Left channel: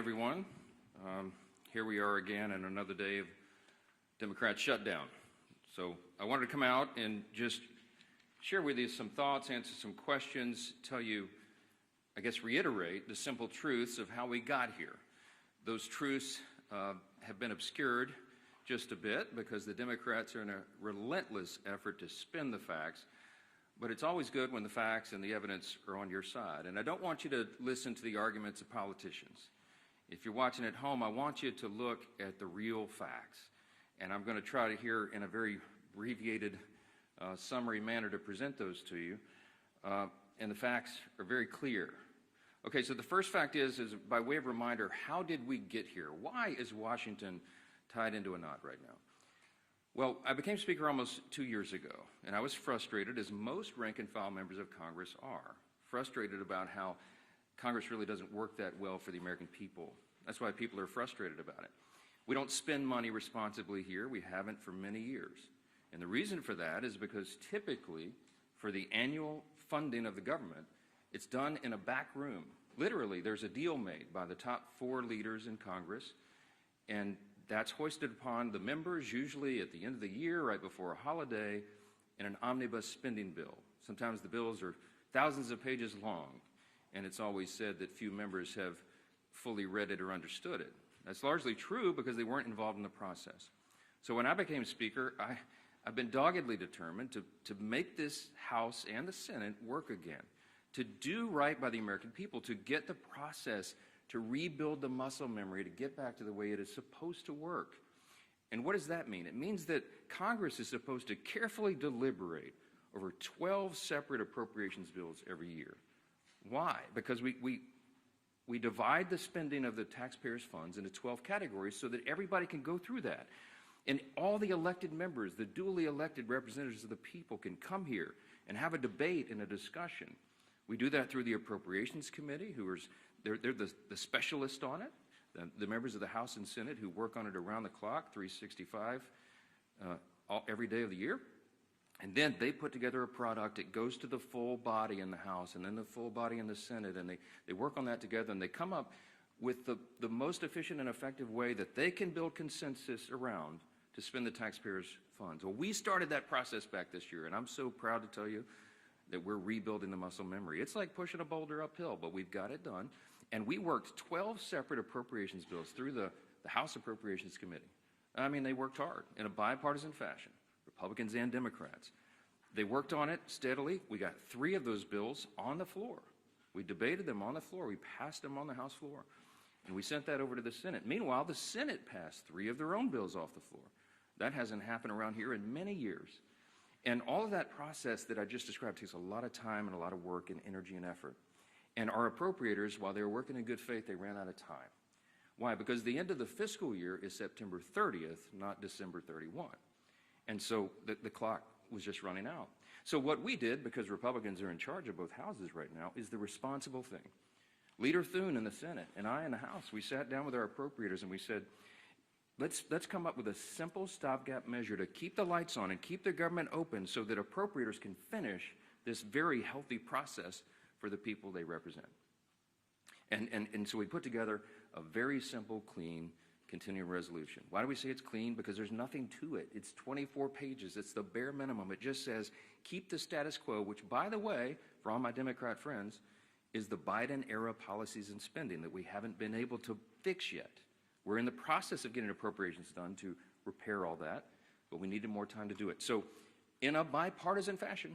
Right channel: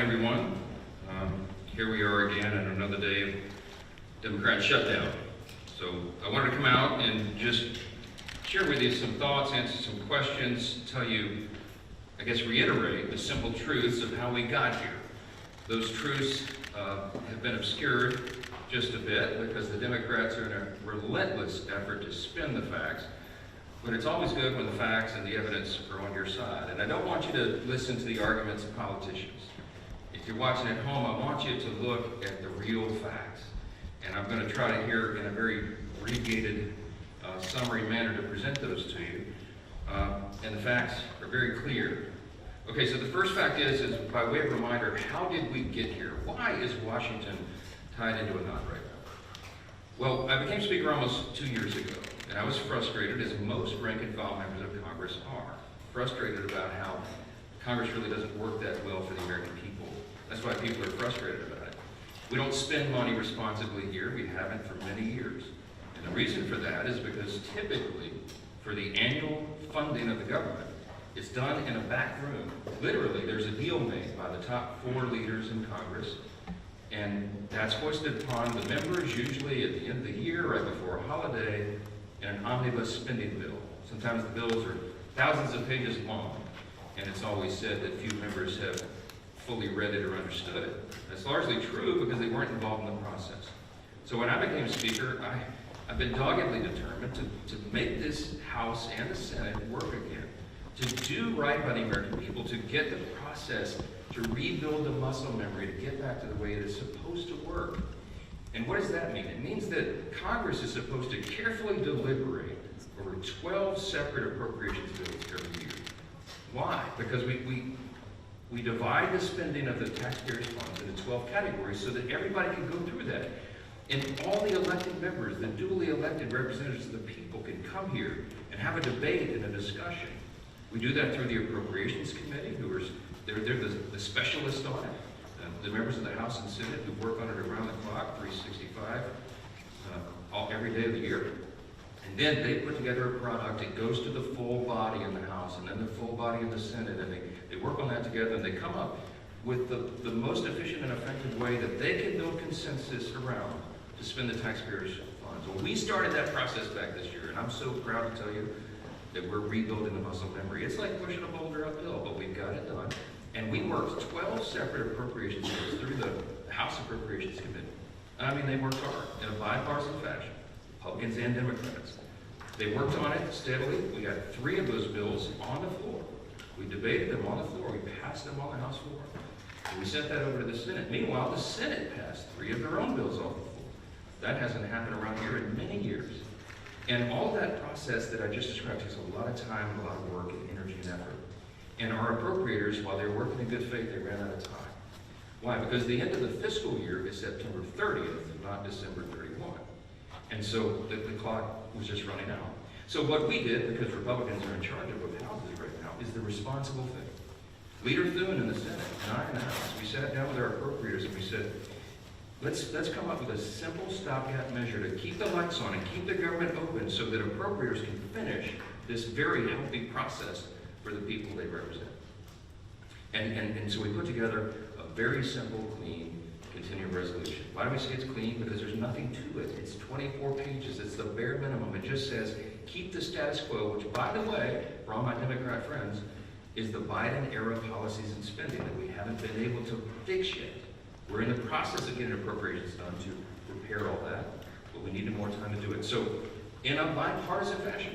everyone. Here we are again on another day of Democrat shutdown. So I wanted to come out and just share with you some thoughts, answer some questions, tell you, I guess, reiterate the simple truths of how we got here. Those truths have been obscured just a bit because the Democrats are in a relentless effort to spin the facts. But it's always good when the facts and the evidence are on your side. And I don't want you to listen to the arguments of politicians. If you're watching at home, I want you to look at the real facts. And I'm going to try to here in a very abbreviated summary manner to present those to you. And the facts are very clear. Okay, so the first fact is by way of reminder, how did we get here? Why is Washington tied into a knot right now? Well, I became Speaker almost 2 years ago. And I was frustrated, as most rank-and-file members of Congress are, frustrated about how Congress really doesn't work that well for the American people. That's why people are frustrated about it. We don't spend money responsibly here. We haven't for many years. And the reason for that is because typically, for the annual funding of the government, it's done in a back room. Literally, there's a deal made by the top 4 leaders in Congress, and that's hoisted upon the members, usually at the end of the year, right before a holiday, and an omnibus spending bill. Sometimes the bills are thousands of pages long, and it's always said that few members have fully read it or understood it. That's largely true because they weren't involved in the process. So when I became Speaker, I've been doggedly determined to make this House and the Senate work again, to do right by the American people, to get the process, to rebuild the muscle memory, to get back to the way it is supposed to work. And what does that mean? It means that Congress is supposed to carefully deliberate over 12 separate appropriations bills every year. Why? Because we divide the spending of the taxpayers' funds into 12 categories so that everybody can go through that. And all the elected members, the duly elected representatives of the people, can come here and have a debate and a discussion. We do that through the Appropriations Committee, they're the specialists on it. The members of the House and Senate who work on it around the clock, 365, every day of the year. And then they put together a product. It goes to the full body in the House and then the full body in the Senate. And they work on that together, and they come up with the most efficient and effective way that they can build consensus around to spend the taxpayers' funds. Well, we started that process back this year, and I'm so proud to tell you that we're rebuilding the muscle memory. It's like pushing a boulder uphill, but we've got it done. And we worked 12 separate appropriations bills through the House Appropriations Committee. I mean, they worked hard in a bipartisan fashion, Republicans and Democrats. They worked on it steadily. We had 3 of those bills on the floor. We debated them on the floor. We passed them on the House floor. And we sent that over to the Senate. Meanwhile, the Senate passed 3 of their own bills off the floor. That hasn't happened around here in many years. And all that process that I just described takes a lot of time, a lot of work, and energy and effort. And our appropriators, while they were working in good faith, they ran out of time. Why? Because the end of the fiscal year is September 30th, not December 31. And so the clock was just running out. So what we did, because Republicans are in charge of both houses right now, is the responsible thing. Leader Thune in the Senate and I in the House, we sat down with our appropriators and we said, let's come up with a simple stopgap measure to keep the lights on and keep the government open so that appropriators can finish this very healthy process for the people they represent. And so we put together a very simple, clean, continuing resolution. Why do we say it's clean? Because there's nothing to it. It's 24 pages. It's the bare minimum. It just says, keep the status quo, which, by the way, for all my Democrat friends, is the Biden-era policies and spending that we haven't been able to fix yet. We're in the process of getting appropriations done to repair all that, but we needed more time to do it. So, in a bipartisan fashion,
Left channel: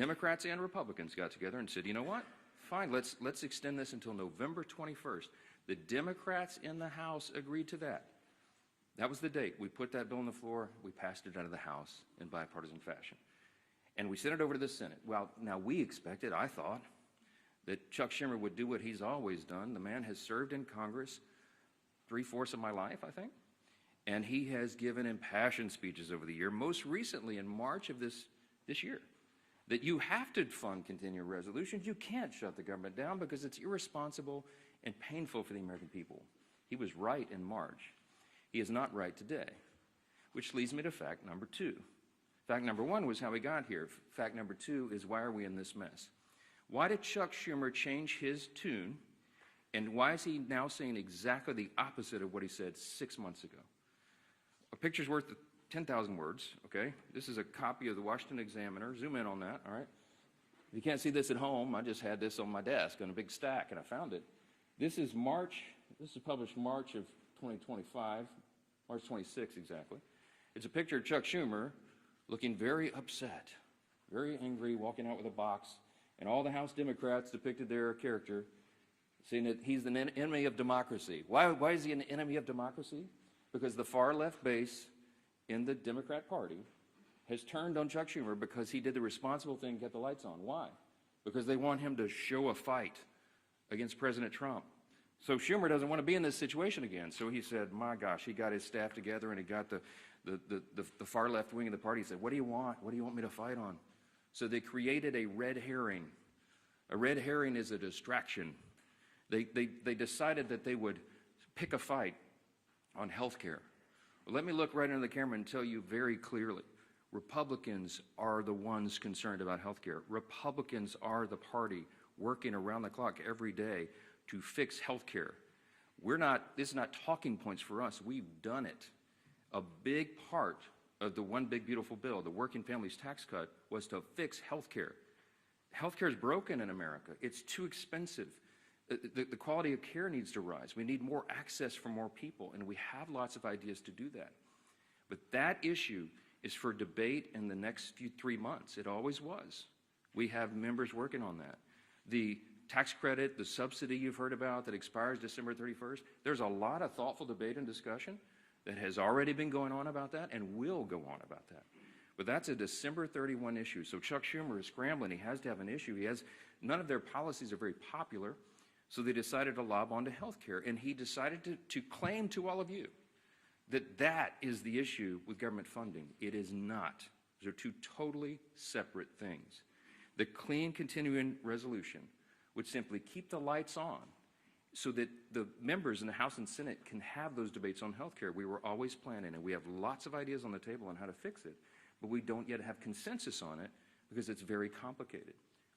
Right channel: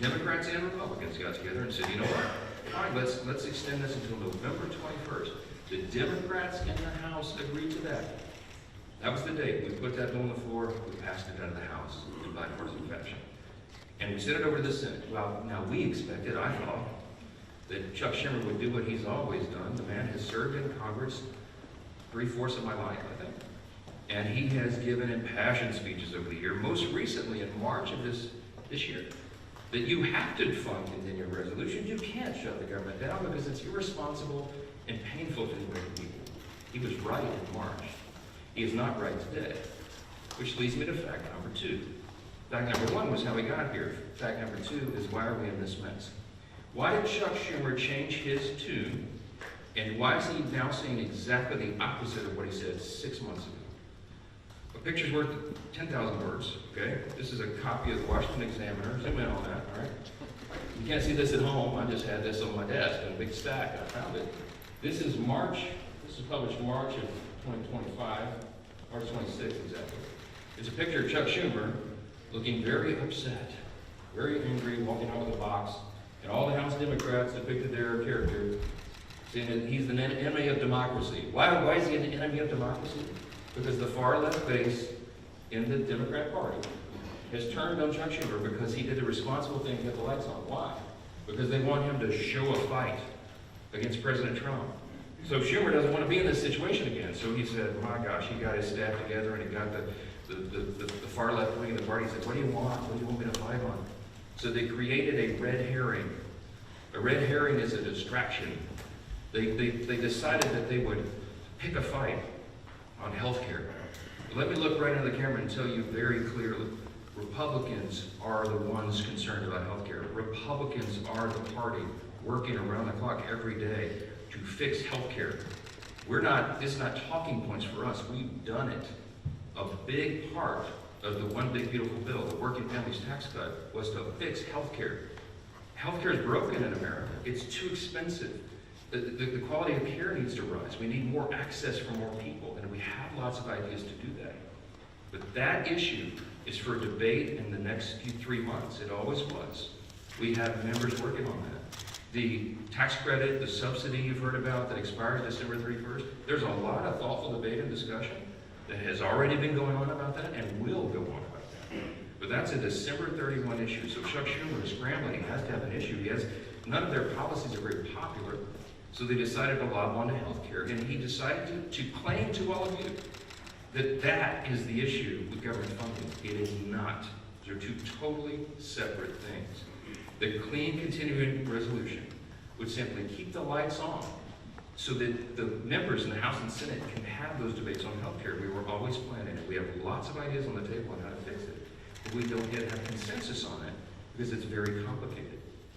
Democrats and Republicans got together and said, you know what, fine, let's extend this until November 21st. The Democrats in the House agreed to that. That was the date. We put that bill on the floor, we passed it out of the House in bipartisan fashion. And we sent it over to the Senate. Well, now we expected, I thought, that Chuck Schumer would do what he's always done. The man has served in Congress 3/4 of my life, I think. And he has given impassioned speeches over the year, most recently in March of this year, that you have to fund continuing resolutions. You can't shut the government down because it's irresponsible and painful to the American people. He was right in March. He is not right today, which leads me to fact number 2. Fact number 1 was how we got here. Fact number 2 is why are we in this mess? Why did Chuck Schumer change his tune And why is he now saying exactly the opposite of what he said 6 months ago? A picture's worth 10,000 words, okay? This is a copy of the Washington Examiner. Zoom in on that, all right? You can't see this at home. I just had this on my desk in a big stack. I found it. This is published March of 2025, March 26th exactly. There's a picture of Chuck Schumer looking very upset, very angry, walking out with a box, and all the House Democrats depicted their character, saying that he's an enemy of democracy. Why is he an enemy of democracy? Because the far left base in the Democrat Party has turned on Chuck Schumer because he did the responsible thing to get the lights on. Why? Because they want him to show a fight against President Trump. So Schumer doesn't want to be in this situation again. So he said, my gosh, he got his staff together and he got the far left wing of the party. He said, what do you want? What do you want me to fight on? So they created a red herring. A red herring is a distraction. They decided that they would pick a fight on health care. Let me look right into the camera and tell you very clearly, Republicans are the ones concerned about health care. Republicans are the party working around the clock every day to fix health care. It's not talking points for us. We've done it. A big part of the One Big Beautiful Bill, the Working Families Tax Cut, was to fix health care. Health care is broken in America. It's too expensive. The quality of care needs to rise. We need more access for more people, and we have lots of ideas to do that. But that issue is for debate in the next 3 months. It always was. We have members working on that. The tax credit, the subsidy you've heard about that expires December 31st, there's a lot of thoughtful debate and discussion that has already been going on about that and will go on about that. But that's a December 31 issue. So Chuck Schumer is scrambling. He has to have an issue. None of their policies are very popular. So they decided to lob onto health care. And he decided to claim to all of you that is the issue with government funding. It is not. They're two totally separate things. The clean continuing resolution would simply keep the lights on so that the members in the House and Senate can have those debates on health care. We were always planning it. We have lots of ideas on the table on how to fix it. But we don't yet have consensus on it because it's very complicated.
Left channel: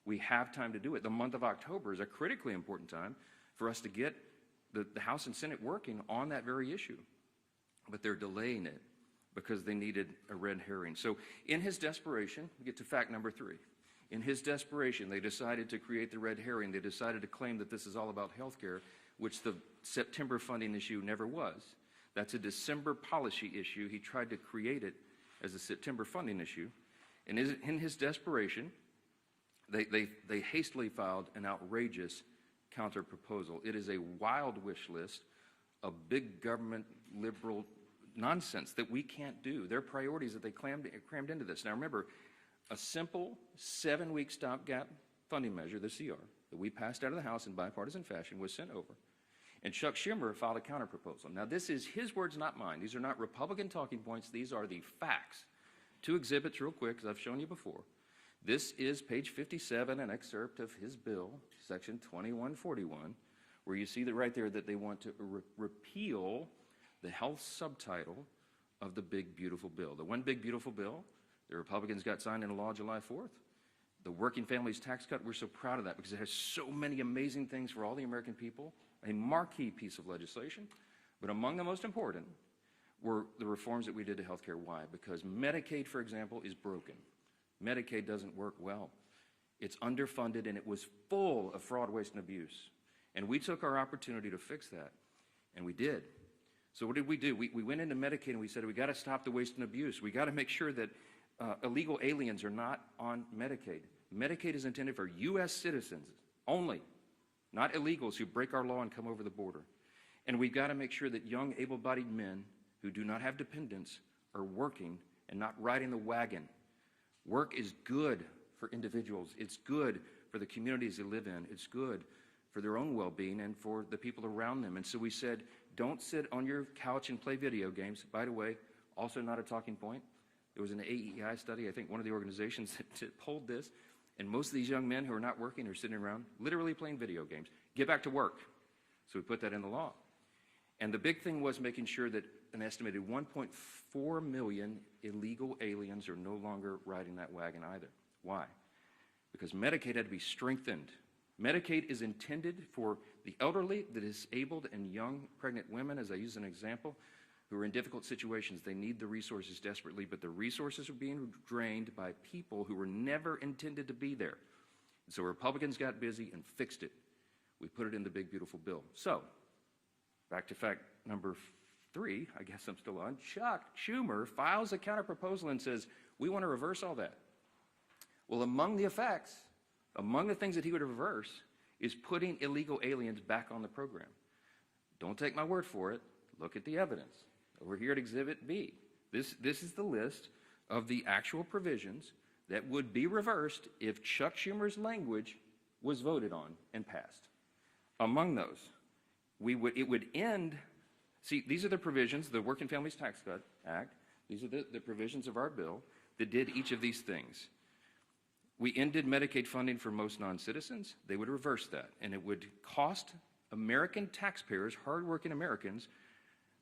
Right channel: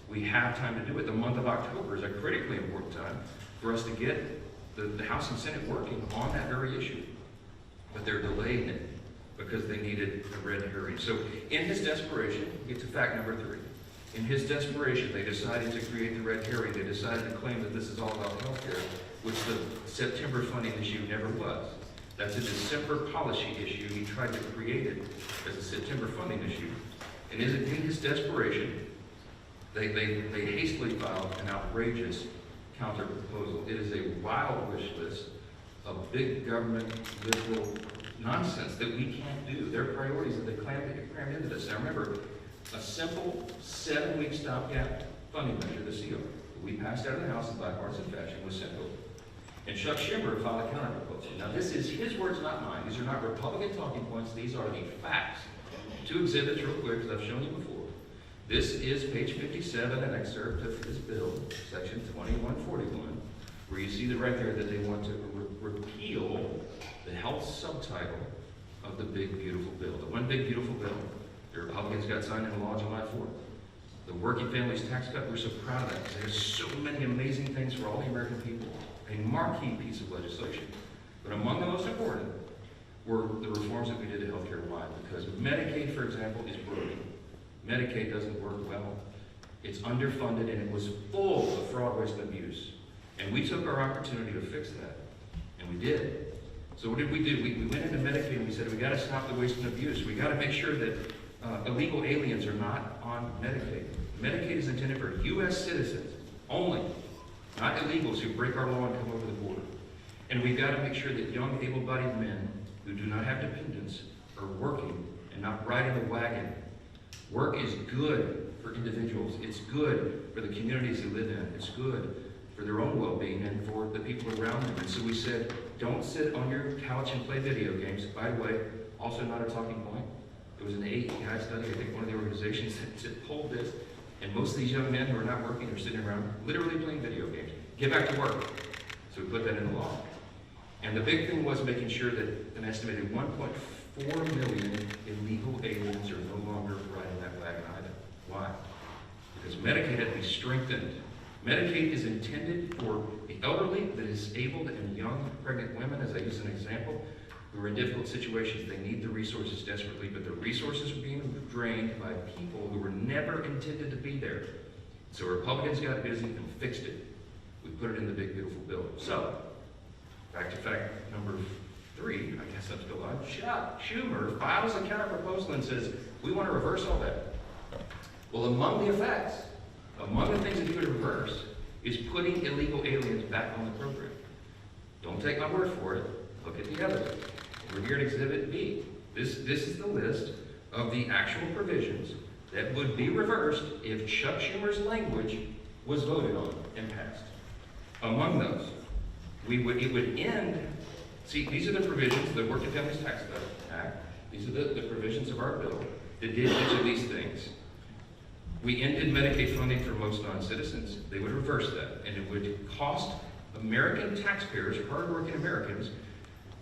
We have time to do it. The month of October is a critically important time for us to get the House and Senate working on that very issue. But they're delaying it because they needed a red herring. So in his desperation, it's fact number 3. In his desperation, they decided to create the red herring. They decided to claim that this is all about health care, which the September funding issue never was. That's a December policy issue. He tried to create it as a September funding issue. And in his desperation, they hastily filed an outrageous counter proposal. It is a wild wish list of big government liberal nonsense that we can't do. Their priorities that they crammed into this. Now remember, a simple 7-week stopgap funding measure, the CO, that we passed out of the House in bipartisan fashion, was sent over. And Chuck Schumer filed a counter proposal. Now this is his words, not mine. These are not Republican talking points. These are the facts. 2 exhibits real quick, as I've shown you before. This is page 57, an excerpt of his bill, section 2141, where you see right there that they want to repeal the health subtitle of the Big Beautiful Bill. The One Big Beautiful Bill, the Republicans got signed into law July 4th. The Working Families Tax Cut, we're so proud of that because it has so many amazing things for all the American people. A marquee piece of legislation. But among the most important were the reforms that we did to healthcare. Why? Because Medicaid, for example, is broken. Medicaid doesn't work well. It's underfunded and it was full of fraud, waste, and abuse. And we took our opportunity to fix that. And we did. So what did we do? We went into Medicaid and we said, we got to stop the waste and abuse. We got to make sure that illegal aliens are not on Medicaid. Medicaid is intended for U.S. citizens only, not illegals who break our law and come over the border. And we got to make sure that young, able-bodied men who do not have dependents are working and not riding the wagon. Work is good for individuals. It's good for the communities they live in. It's good for their own well-being and for the people around them. And so we said, don't sit on your couch and play video games. By the way, also not a talking point. There was an AEI study, I think one of the organizations that pulled this, and most of these young men who are not working are sitting around literally playing video games. Get back to work. So we put that in the law. And the big thing was making sure that an estimated 1.4 million illegal aliens are no longer riding that wagon either. Why? Because Medicaid had to be strengthened. Medicaid is intended for the elderly, the disabled, and young pregnant women, as I use an example, who are in difficult situations. They need the resources desperately, but the resources are being drained by people who were never intended to be there. So Republicans got busy and fixed it. We put it in the big, beautiful bill. So, back to fact number 3, I guess that's the one. Chuck Schumer files a counter-proposal and says, we want to reverse all that. Well, among the effects, among the things that you would reverse, is putting illegal aliens back on the program. Don't take my word for it. Look at the evidence. We're here at Exhibit B. This is the list of the actual provisions that would be reversed if Chuck Schumer's language was voted on and passed. Among those, it would end. See, these are the provisions, the Working Families Tax Act. These are the provisions of our bill that did each of these things. We ended Medicaid funding for most non-citizens. They would reverse that, and it would cost American taxpayers, hardworking Americans,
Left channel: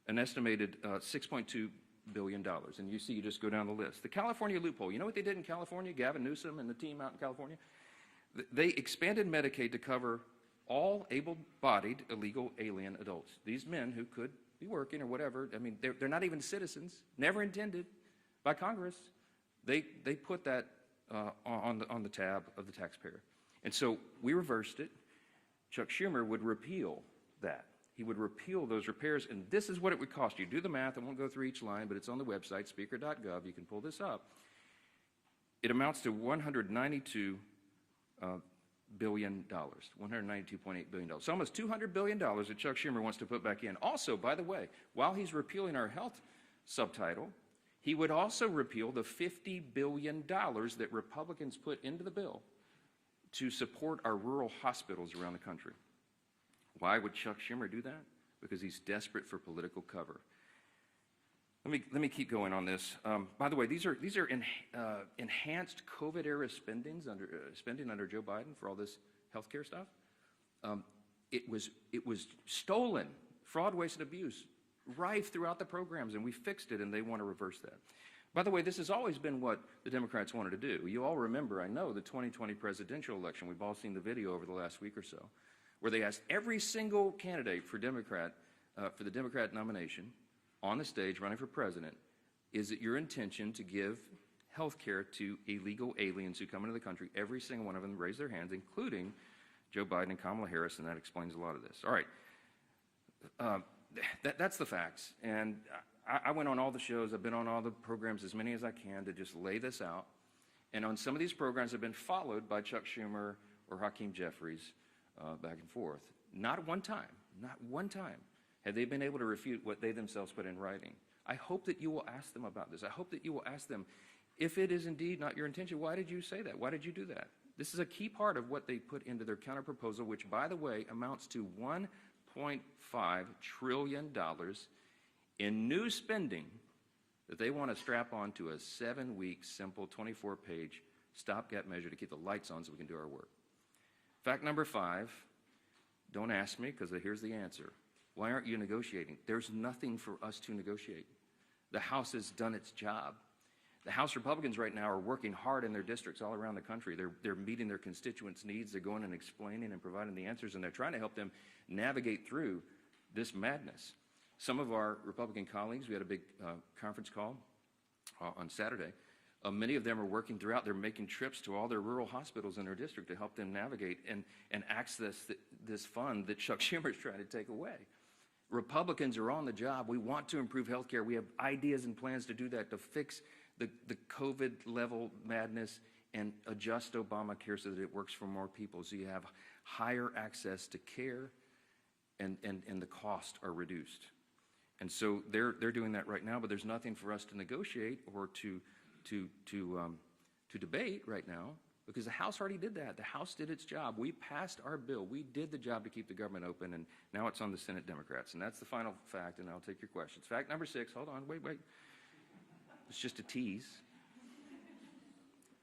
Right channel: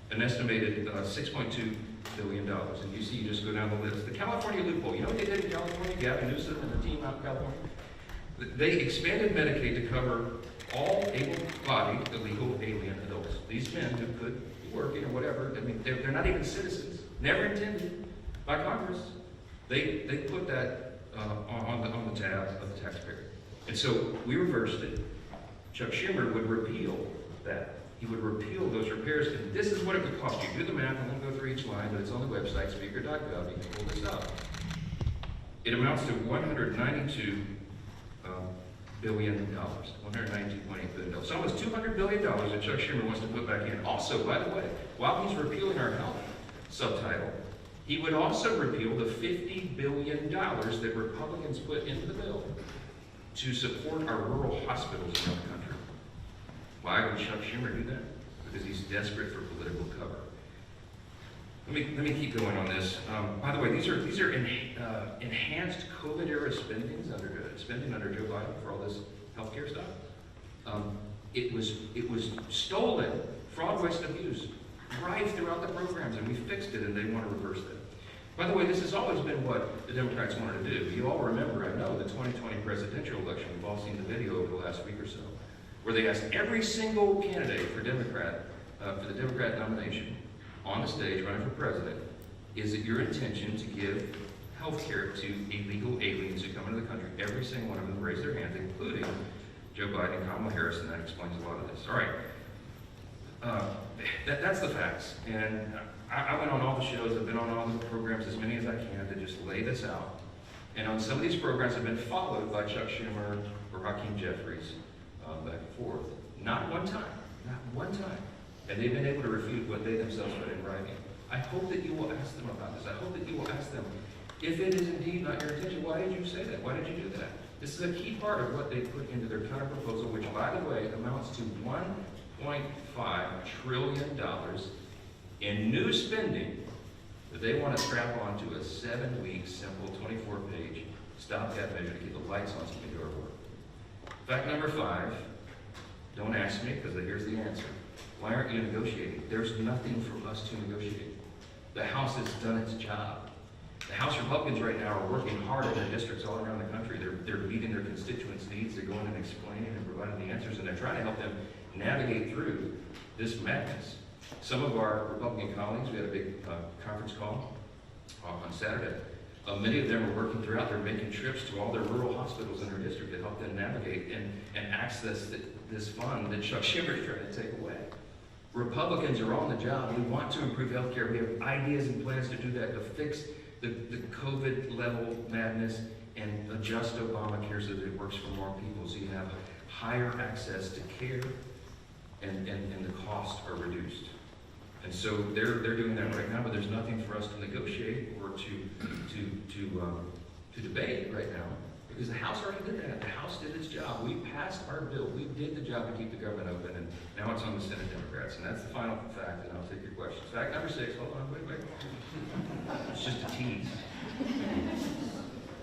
an estimated $6.2 billion. And you see, you just go down the list. The California loophole, you know what they did in California? Gavin Newsom and the team out in California? They expanded Medicaid to cover all able-bodied illegal alien adults. These men who could be working or whatever, I mean, they're not even citizens. Never intended by Congress. They put that on the tab of the taxpayer. And so we reversed it. Chuck Schumer would repeal that. He would repeal those repairs, and this is what it would cost you. Do the math, I won't go through each line, but it's on the website, speaker.gov. You can pull this up. It amounts to $192 billion, $192.8 billion. So almost $200 billion that Chuck Schumer wants to put back in. Also, by the way, while he's repealing our health subtitle, he would also repeal the $50 billion that Republicans put into the bill to support our rural hospitals around the country. Why would Chuck Schumer do that? Because he's desperate for political cover. Let me keep going on this. By the way, these are enhanced COVID-era spending under Joe Biden for all this healthcare stuff. It was stolen, fraud, waste, and abuse, right throughout the programs, and we fixed it, and they want to reverse that. By the way, this has always been what the Democrats wanted to do. You all remember, I know, the 2020 presidential election. We've all seen the video over the last week or so, where they asked every single candidate for the Democrat nomination on the stage running for president, is it your intention to give health care to illegal aliens who come into the country? Every single one of them raised their hands, including Joe Biden and Kamala Harris, and that explains a lot of this. All right. That's the facts. And I went on all the shows, I've been on all the programs, as many as I can, to just lay this out. And on some of these programs have been followed by Chuck Schumer or Hakeem Jeffries back and forth. Not one time have they been able to refute what they themselves put in writing. I hope that you will ask them about this. I hope that you will ask them, if it is indeed not your intention, why did you say that? Why did you do that? This is a key part of what they put into their counter proposal, which, by the way, amounts to $1.5 trillion in new spending that they want to strap onto a 7-week, simple, 24-page stopgap measure to keep the lights on so we can do our work. Fact number 5, don't ask me, because here's the answer. Why aren't you negotiating? There's nothing for us to negotiate. The House has done its job. The House Republicans right now are working hard in their districts all around the country. They're meeting their constituents' needs. They're going and explaining and providing the answers, and they're trying to help them navigate through this madness. Some of our Republican colleagues, we had a big conference call on Saturday. Many of them are working throughout. They're making trips to all their rural hospitals in their district to help them navigate and access this fund that Chuck Schumer is trying to take away. Republicans are on the job. We want to improve health care. We have ideas and plans to do that, to fix the COVID level madness and adjust Obamacare so that it works for more people, so you have higher access to care and the costs are reduced. And so they're doing that right now, but there's nothing for us to negotiate or to debate right now, because the House already did that. The House did its job. We passed our bill. We did the job to keep the government open, and now it's on the Senate Democrats. And that's the final fact, and I'll take your questions. Fact number 6, hold on, wait. It's just a tease.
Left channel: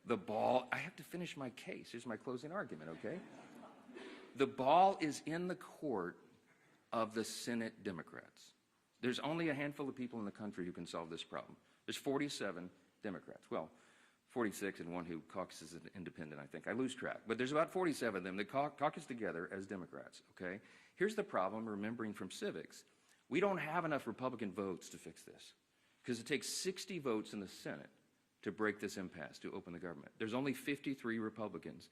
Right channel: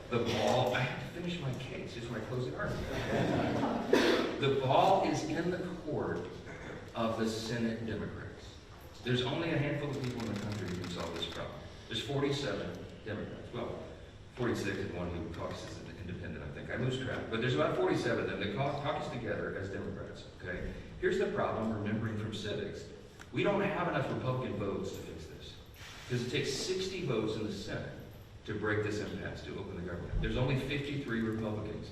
The ball, I have to finish my case. Here's my closing argument. The ball is in the court of the Senate Democrats. There's only a handful of people in the country who can solve this problem. There's 47 Democrats. Well, 46 and one who caucuses independent, I think. I lose track. But there's about 47 of them that caucus together as Democrats, okay? Here's the problem, remembering from civics. We don't have enough Republican votes to fix this. Because it takes 60 votes in the Senate to break this impasse, to open the government. There's only 53 Republicans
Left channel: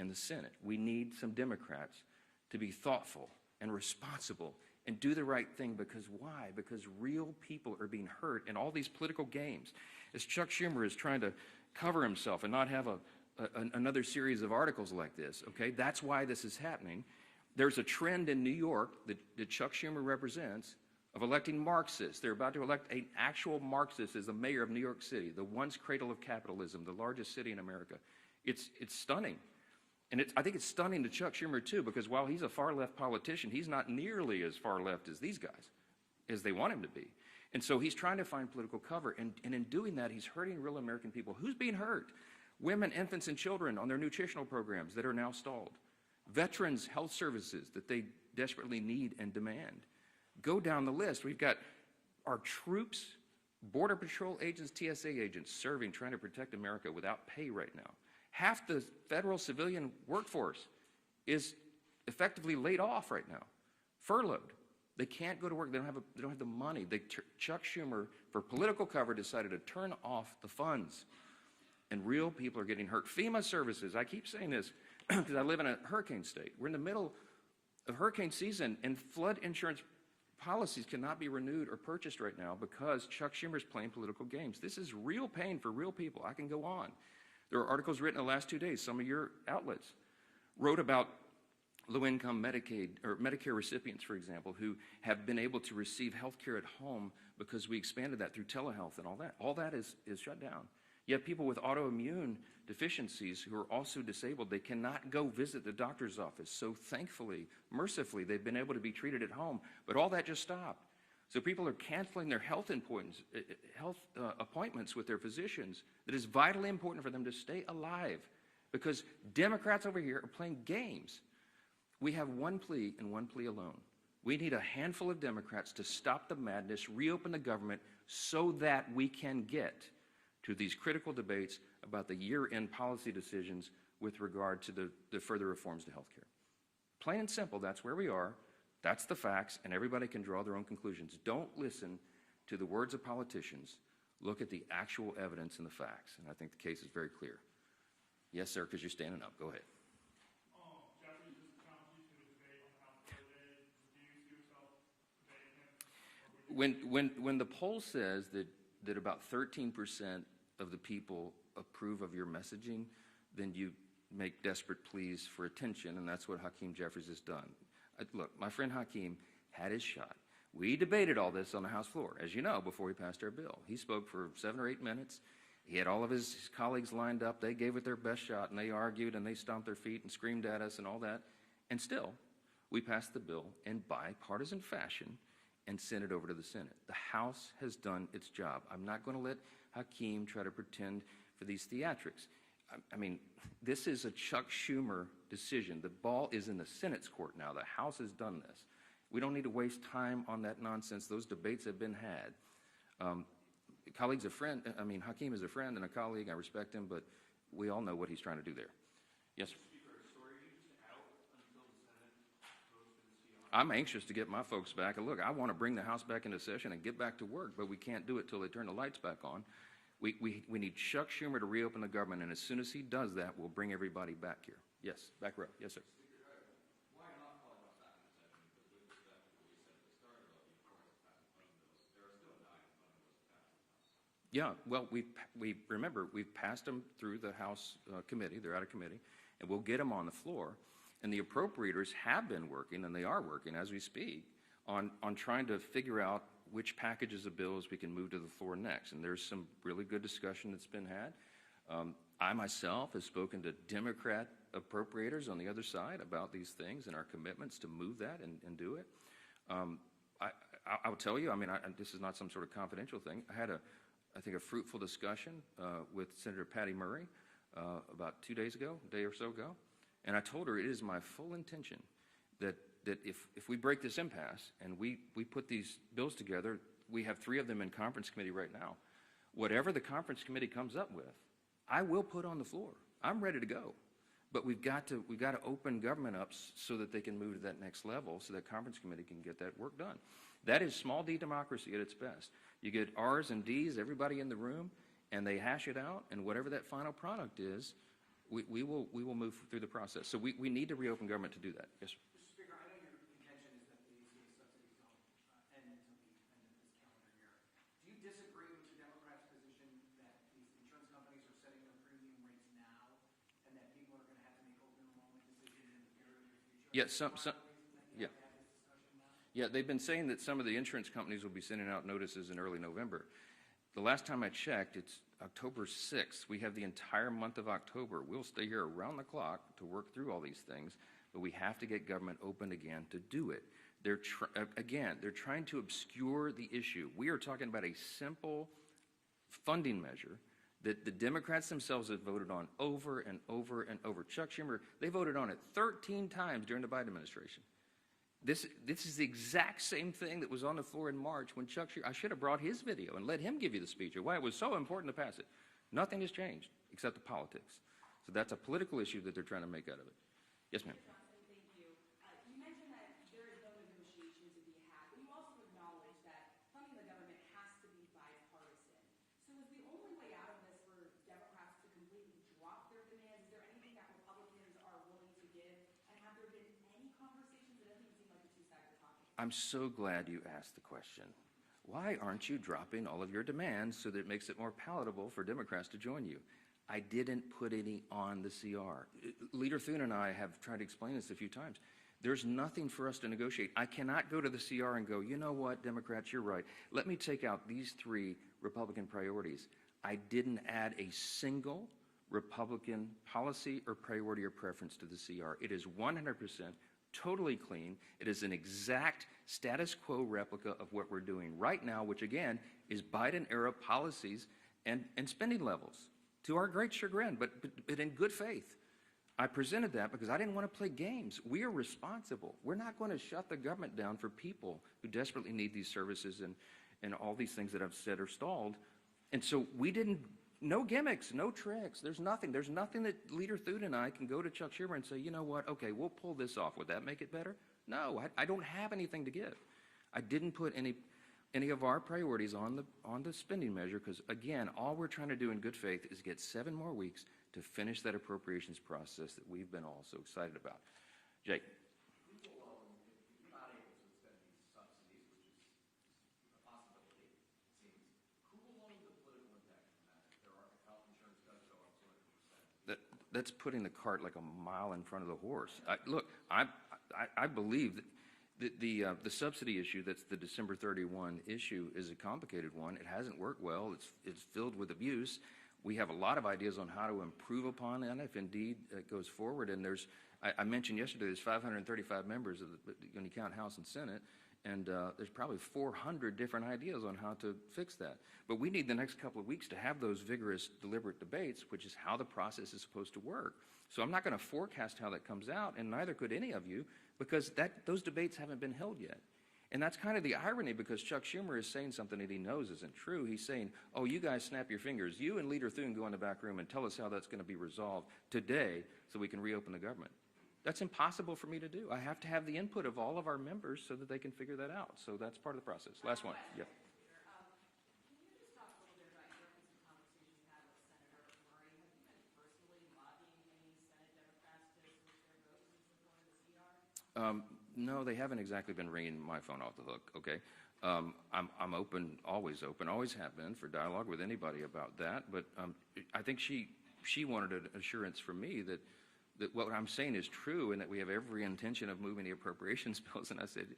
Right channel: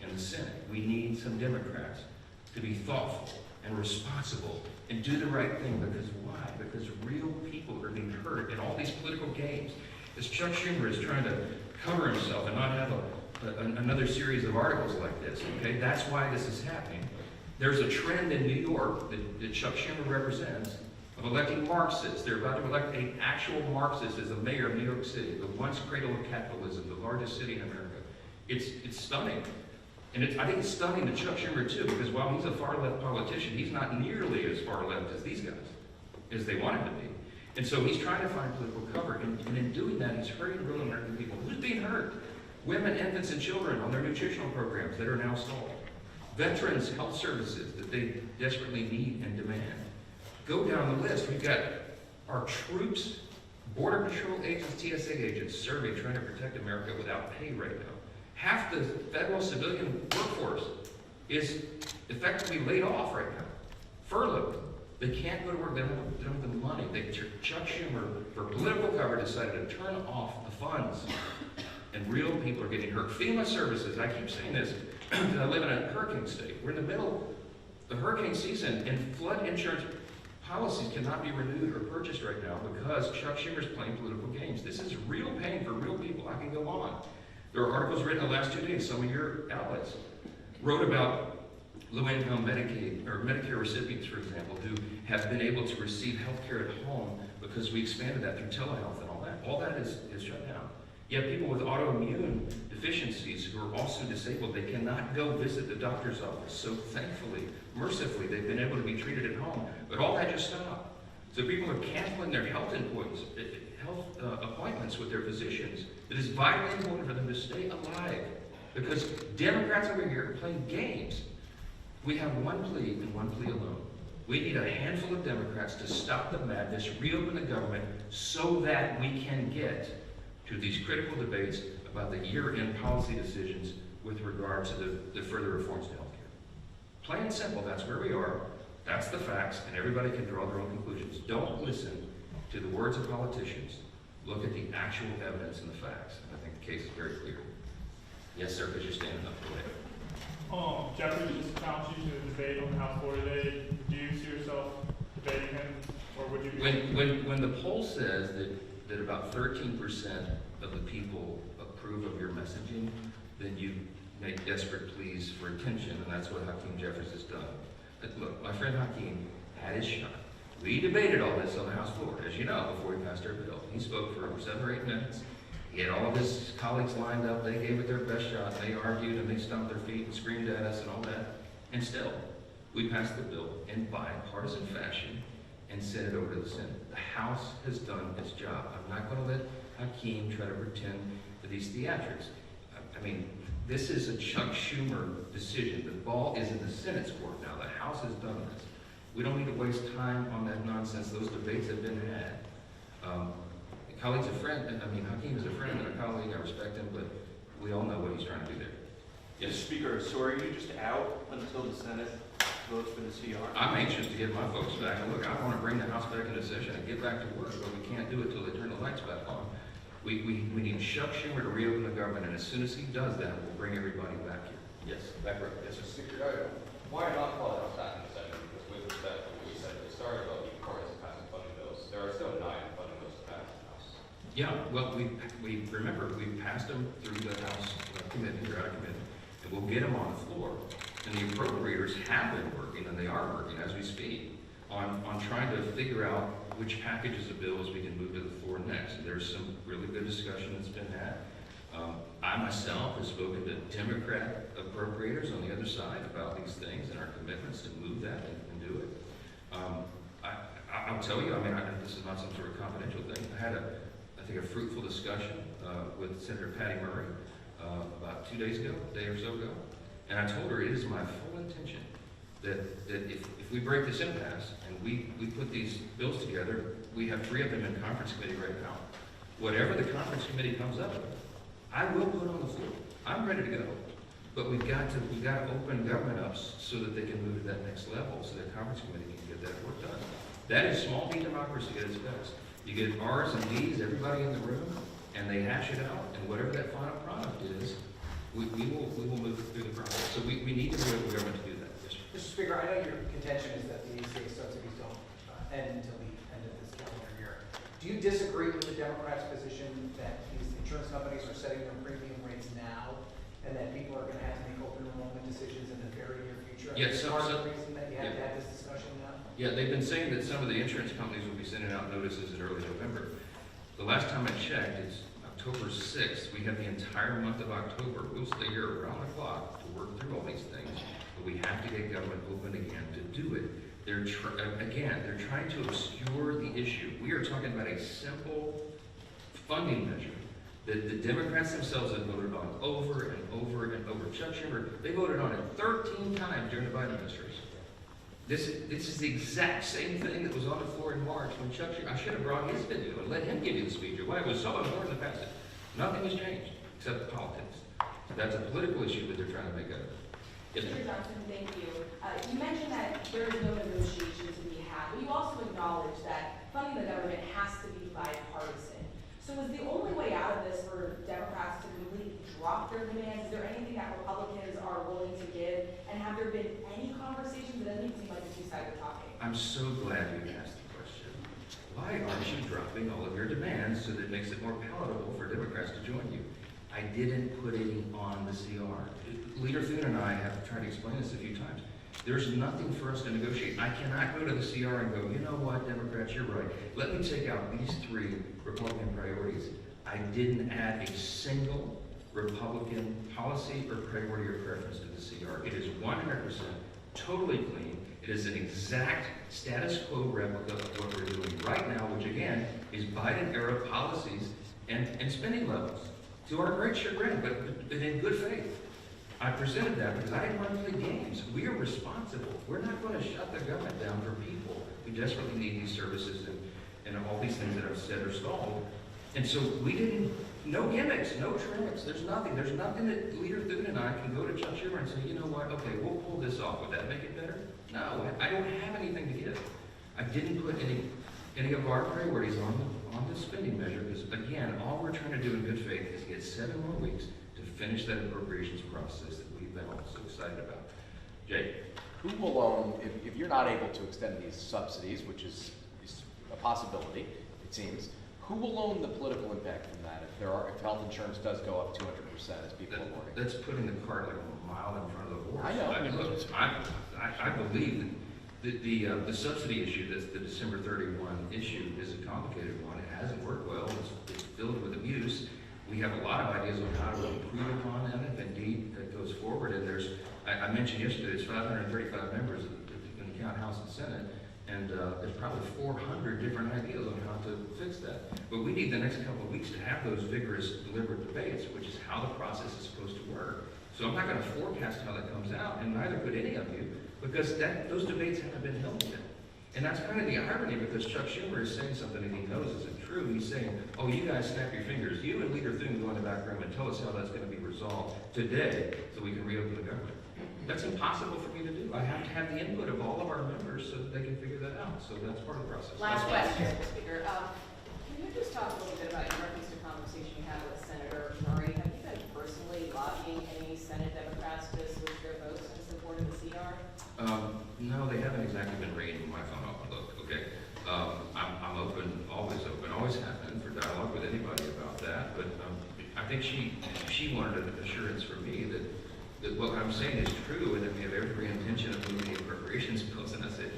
in the Senate. We need some Democrats to be thoughtful and responsible and do the right thing. Because why? Because real people are being hurt in all these political games. As Chuck Schumer is trying to cover himself and not have another series of articles like this, okay? That's why this is happening. There's a trend in New York that Chuck Schumer represents of electing Marxists. They're about to elect an actual Marxist as the mayor of New York City, the once cradle of capitalism, the largest city in America. It's stunning. And I think it's stunning to Chuck Schumer too, because while he's a far-left politician, he's not nearly as far-left as these guys, as they want him to be. And so he's trying to find political cover, and in doing that, he's hurting real American people. Who's being hurt? Women, infants, and children on their nutritional programs that are now stalled. Veterans' health services that they desperately need and demand. Go down the list. We've got our troops, Border Patrol agents, TSA agents serving, trying to protect America without pay right now. Half the federal civilian workforce is effectively laid off right now, furloughed. They can't go to work. They don't have the money. Chuck Schumer, for political cover, decided to turn off the funds. And real people are getting hurt. FEMA services, I keep saying this, because I live in a hurricane state. We're in the middle of hurricane season, and flood insurance policies cannot be renewed or purchased right now because Chuck Schumer is playing political games. This is real pain for real people. I can go on. There are articles written in the last 2 days. Some of your outlets wrote about low-income Medicaid or Medicare recipients, for example, who have been able to receive health care at home because we expanded that through telehealth and all that. All that is shut down. Yet people with autoimmune deficiencies who are also disabled, they cannot go visit the doctor's office. So thankfully, mercifully, they've been able to be treated at home. But all that just stopped. So people are canceling their health appointments with their physicians. It is vitally important for them to stay alive because Democrats over here are playing games. We have one plea and one plea alone. We need a handful of Democrats to stop the madness, reopen the government so that we can get to these critical debates about the year-end policy decisions with regard to the further reforms to health care. Plain and simple, that's where we are. That's the facts, and everybody can draw their own conclusions. Don't listen to the words of politicians. Look at the actual evidence and the facts. And I think the case is very clear. Yes, sir, because you're standing up for it. Jeffrey just challenged you to a debate on the House floor today. Do you see yourself debating him, or would you? When the poll says that about 13% of the people approve of your messaging, then you make desperate pleas for attention, and that's what Hakeem Jeffries has done. Look, my friend Hakeem had his shot. We debated all this on the House floor, as you know, before we passed our bill. He spoke for 7 or 8 minutes. He had all of his colleagues lined up. They gave it their best shot. They argued and they stomped their feet and screamed at us and all that. And still, we passed the bill in bipartisan fashion and sent it over to the Senate. The House has done its job. I'm not going to let Hakeem try to pretend for these theatrics. I mean, this is a Chuck Schumer decision. The ball is in the Senate's court now. The House has done this. We don't need to waste time on that nonsense. Those debates have been had. Colleague's a friend, and I mean, Hakeem is a friend and a colleague. I respect him, but we all know what he's trying to do there. Yes, Speaker, so are you just out until the Senate votes for the CR? I'm anxious to get my folks back. And look, I want to bring the House back into session and get back to work, but we can't do it until they turn the lights back on. We need Chuck Schumer to reopen the government, and as soon as he does that, we'll bring everybody back here. Yes, back right. Yes, sir. Speaker, why not call it back in session? Because with respect to what you said at the start about the importance of passing funding bills, there are still 9 funding bills to pass in the House. Yeah, well, we remember, we passed them through the House committee, they're out of committee, and we'll get them on the floor. And the appropriators have been working, and they are working as we speak, on trying to figure out which packages of bills we can move to the floor next. And there's some really good discussion that's been had. I myself have spoken to Democrat appropriators on the other side about these things and our commitments to move that and do it. I'll tell you, I mean, this is not some sort of confidential thing. I had I think a fruitful discussion with Senator Patty Murray about 2 days ago, a day or so ago. And I told her it is my full intention that if we break this impasse and we put these bills together, we have 3 of them in conference committee right now. Whatever the conference committee comes up with, I will put on the floor. I'm ready to go. But we've got to open government up so that they can move to that next level, so the conference committee can get that work done. That is small D democracy at its best. You get R's and D's, everybody in the room, and they hash it out, and whatever that final product is, we will move through the process. So we need to be able government to do that. Yes, sir. Mr. Speaker, I know your contention is that the state subsidies don't end until the end of this calendar year. Do you disagree with the Democrats' position that these insurance companies are setting their premium rates now, and that people are going to have to make open enrollment decisions in the very near future? Yes, Is part of the reason that you have to have this discussion now? Yeah, they've been saying that some of the insurance companies will be sending out notices in early November. The last time I checked, it's October 6th. We have the entire month of October. We'll stay here around the clock to work through all these things, but we have to get government open again to do it. They're trying to obscure the issue. We are talking about a simple funding measure that the Democrats themselves have voted on over and over and over. Chuck Schumer, they voted on it 13 times during the Biden administration. This is the exact same thing that was on the floor in March when Chuck Schumer, I should have brought his video and let him give you the speech, or why it was so important to pass it. Nothing has changed except politics. That's a political issue that they're trying to make up. Yes, ma'am. Mr. Johnson, thank you. You mentioned that there is no negotiation to be had, but you also acknowledge that funding the government has to be bipartisan. So is the only way out of this for Democrats to completely drop their demands? Is there anything that Republicans are willing to give? And have there been any conversations? It doesn't seem like the two sides are talking. I'm so glad you asked the question. Why aren't you dropping all of your demands so that it makes it more palatable for Democrats to join you? I didn't put any on the CR. Leader Thune and I have tried to explain this a few times. There's nothing for us to negotiate. I cannot go to the CR and go, you know what, Democrats, you're right. Let me take out these 3 Republican priorities. I didn't add a single Republican policy or priority or preference to the CR. It is 100% totally clean. It is an exact status quo replica of what we're doing right now, which again is Biden-era policies and spending levels. To our great chagrin, but in good faith. I presented that because I didn't want to play games. We are responsible. We're not going to shut the government down for people who desperately need these services and all these things that I've said are stalled. And so we didn't, no gimmicks, no tricks. There's nothing that Leader Thune and I can go to Chuck Schumer and say, you know what, okay, we'll pull this off. Would that make it better? No, I don't have anything to give. I didn't put any of our priorities on the spending measure because, again, all we're trying to do in good faith is get 7 more weeks to finish that appropriations process that we've been all so excited about. Jay? Who will own, if you're not able to extend these subsidies, which is a possibility, it seems, who will own the political impact from that if health insurance does go up 200%, as people are warning? That's putting the cart like a mile in front of the horse. I know. I believe that the subsidy issue, that's the December 31 issue, is a complicated one. It hasn't worked well. It's filled with abuse. We have a lot of ideas on how to improve upon that if indeed that goes forward. And I mentioned yesterday, there's 535 members in the count House and Senate, and there's probably 400 different ideas on how to fix that. But we need the next couple of weeks to have those vigorous, deliberate debates, which is how the process is supposed to work. So I'm not going to forecast how that comes out, and neither could any of you, because those debates haven't been held yet. And that's kind of the irony, because Chuck Schumer is saying something that he knows isn't true. He's saying, oh, you guys snap your fingers. You and Leader Thune go in the back room and tell us how that's going to be resolved today so we can reopen the government. That's impossible for me to do. I have to have the input of all of our members so that they can figure that out. So that's part of the process. Last question, Mr. Speaker. Can you just talk a little bit about your reference to conversation you had with Senator Murray? Have you been personally lobbying any Senate Democrats to switch their votes to support the CR? No, they haven't exactly been ringing my phone off the hook, okay? I'm open, always have been for dialogue with anybody about that, but I think she wanted an assurance from me that what I'm saying is true and that we have every intention of moving the appropriations bills, and I said,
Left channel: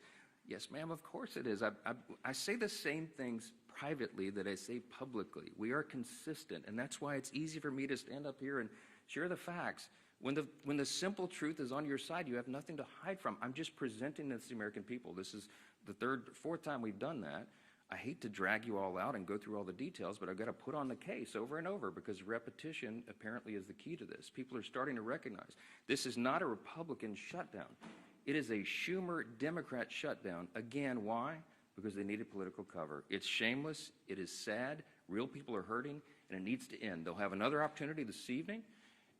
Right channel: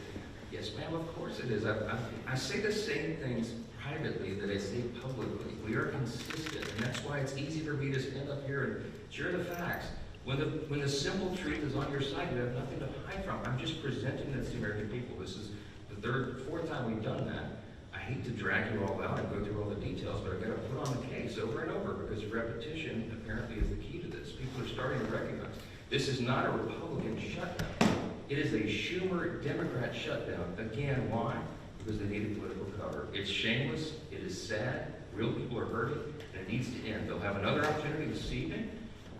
yes, ma'am, of course it is. I say the same things privately that I say publicly. We are consistent, and that's why it's easy for me to stand up here and share the facts. When the simple truth is on your side, you have nothing to hide from. I'm just presenting it to the American people. This is the fourth time we've done that. I hate to drag you all out and go through all the details, but I've got to put on the case over and over because repetition apparently is the key to this. People are starting to recognize this is not a Republican shutdown. It is a Schumer Democrat shutdown. Again, why? Because they needed political cover. It's shameless. It is sad. Real people are hurting, and it needs to end. They'll have another opportunity this evening.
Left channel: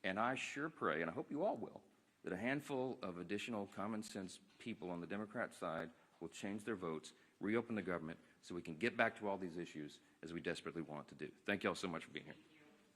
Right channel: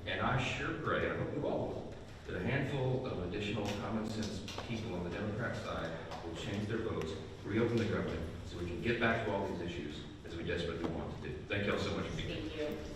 And I sure pray, I hope you all will, that a handful of additional common sense people on the Democrat side will change their votes, reopen the government, so we can get back to all these issues as we desperately want to do. Thank you all so much for being here. Thank you.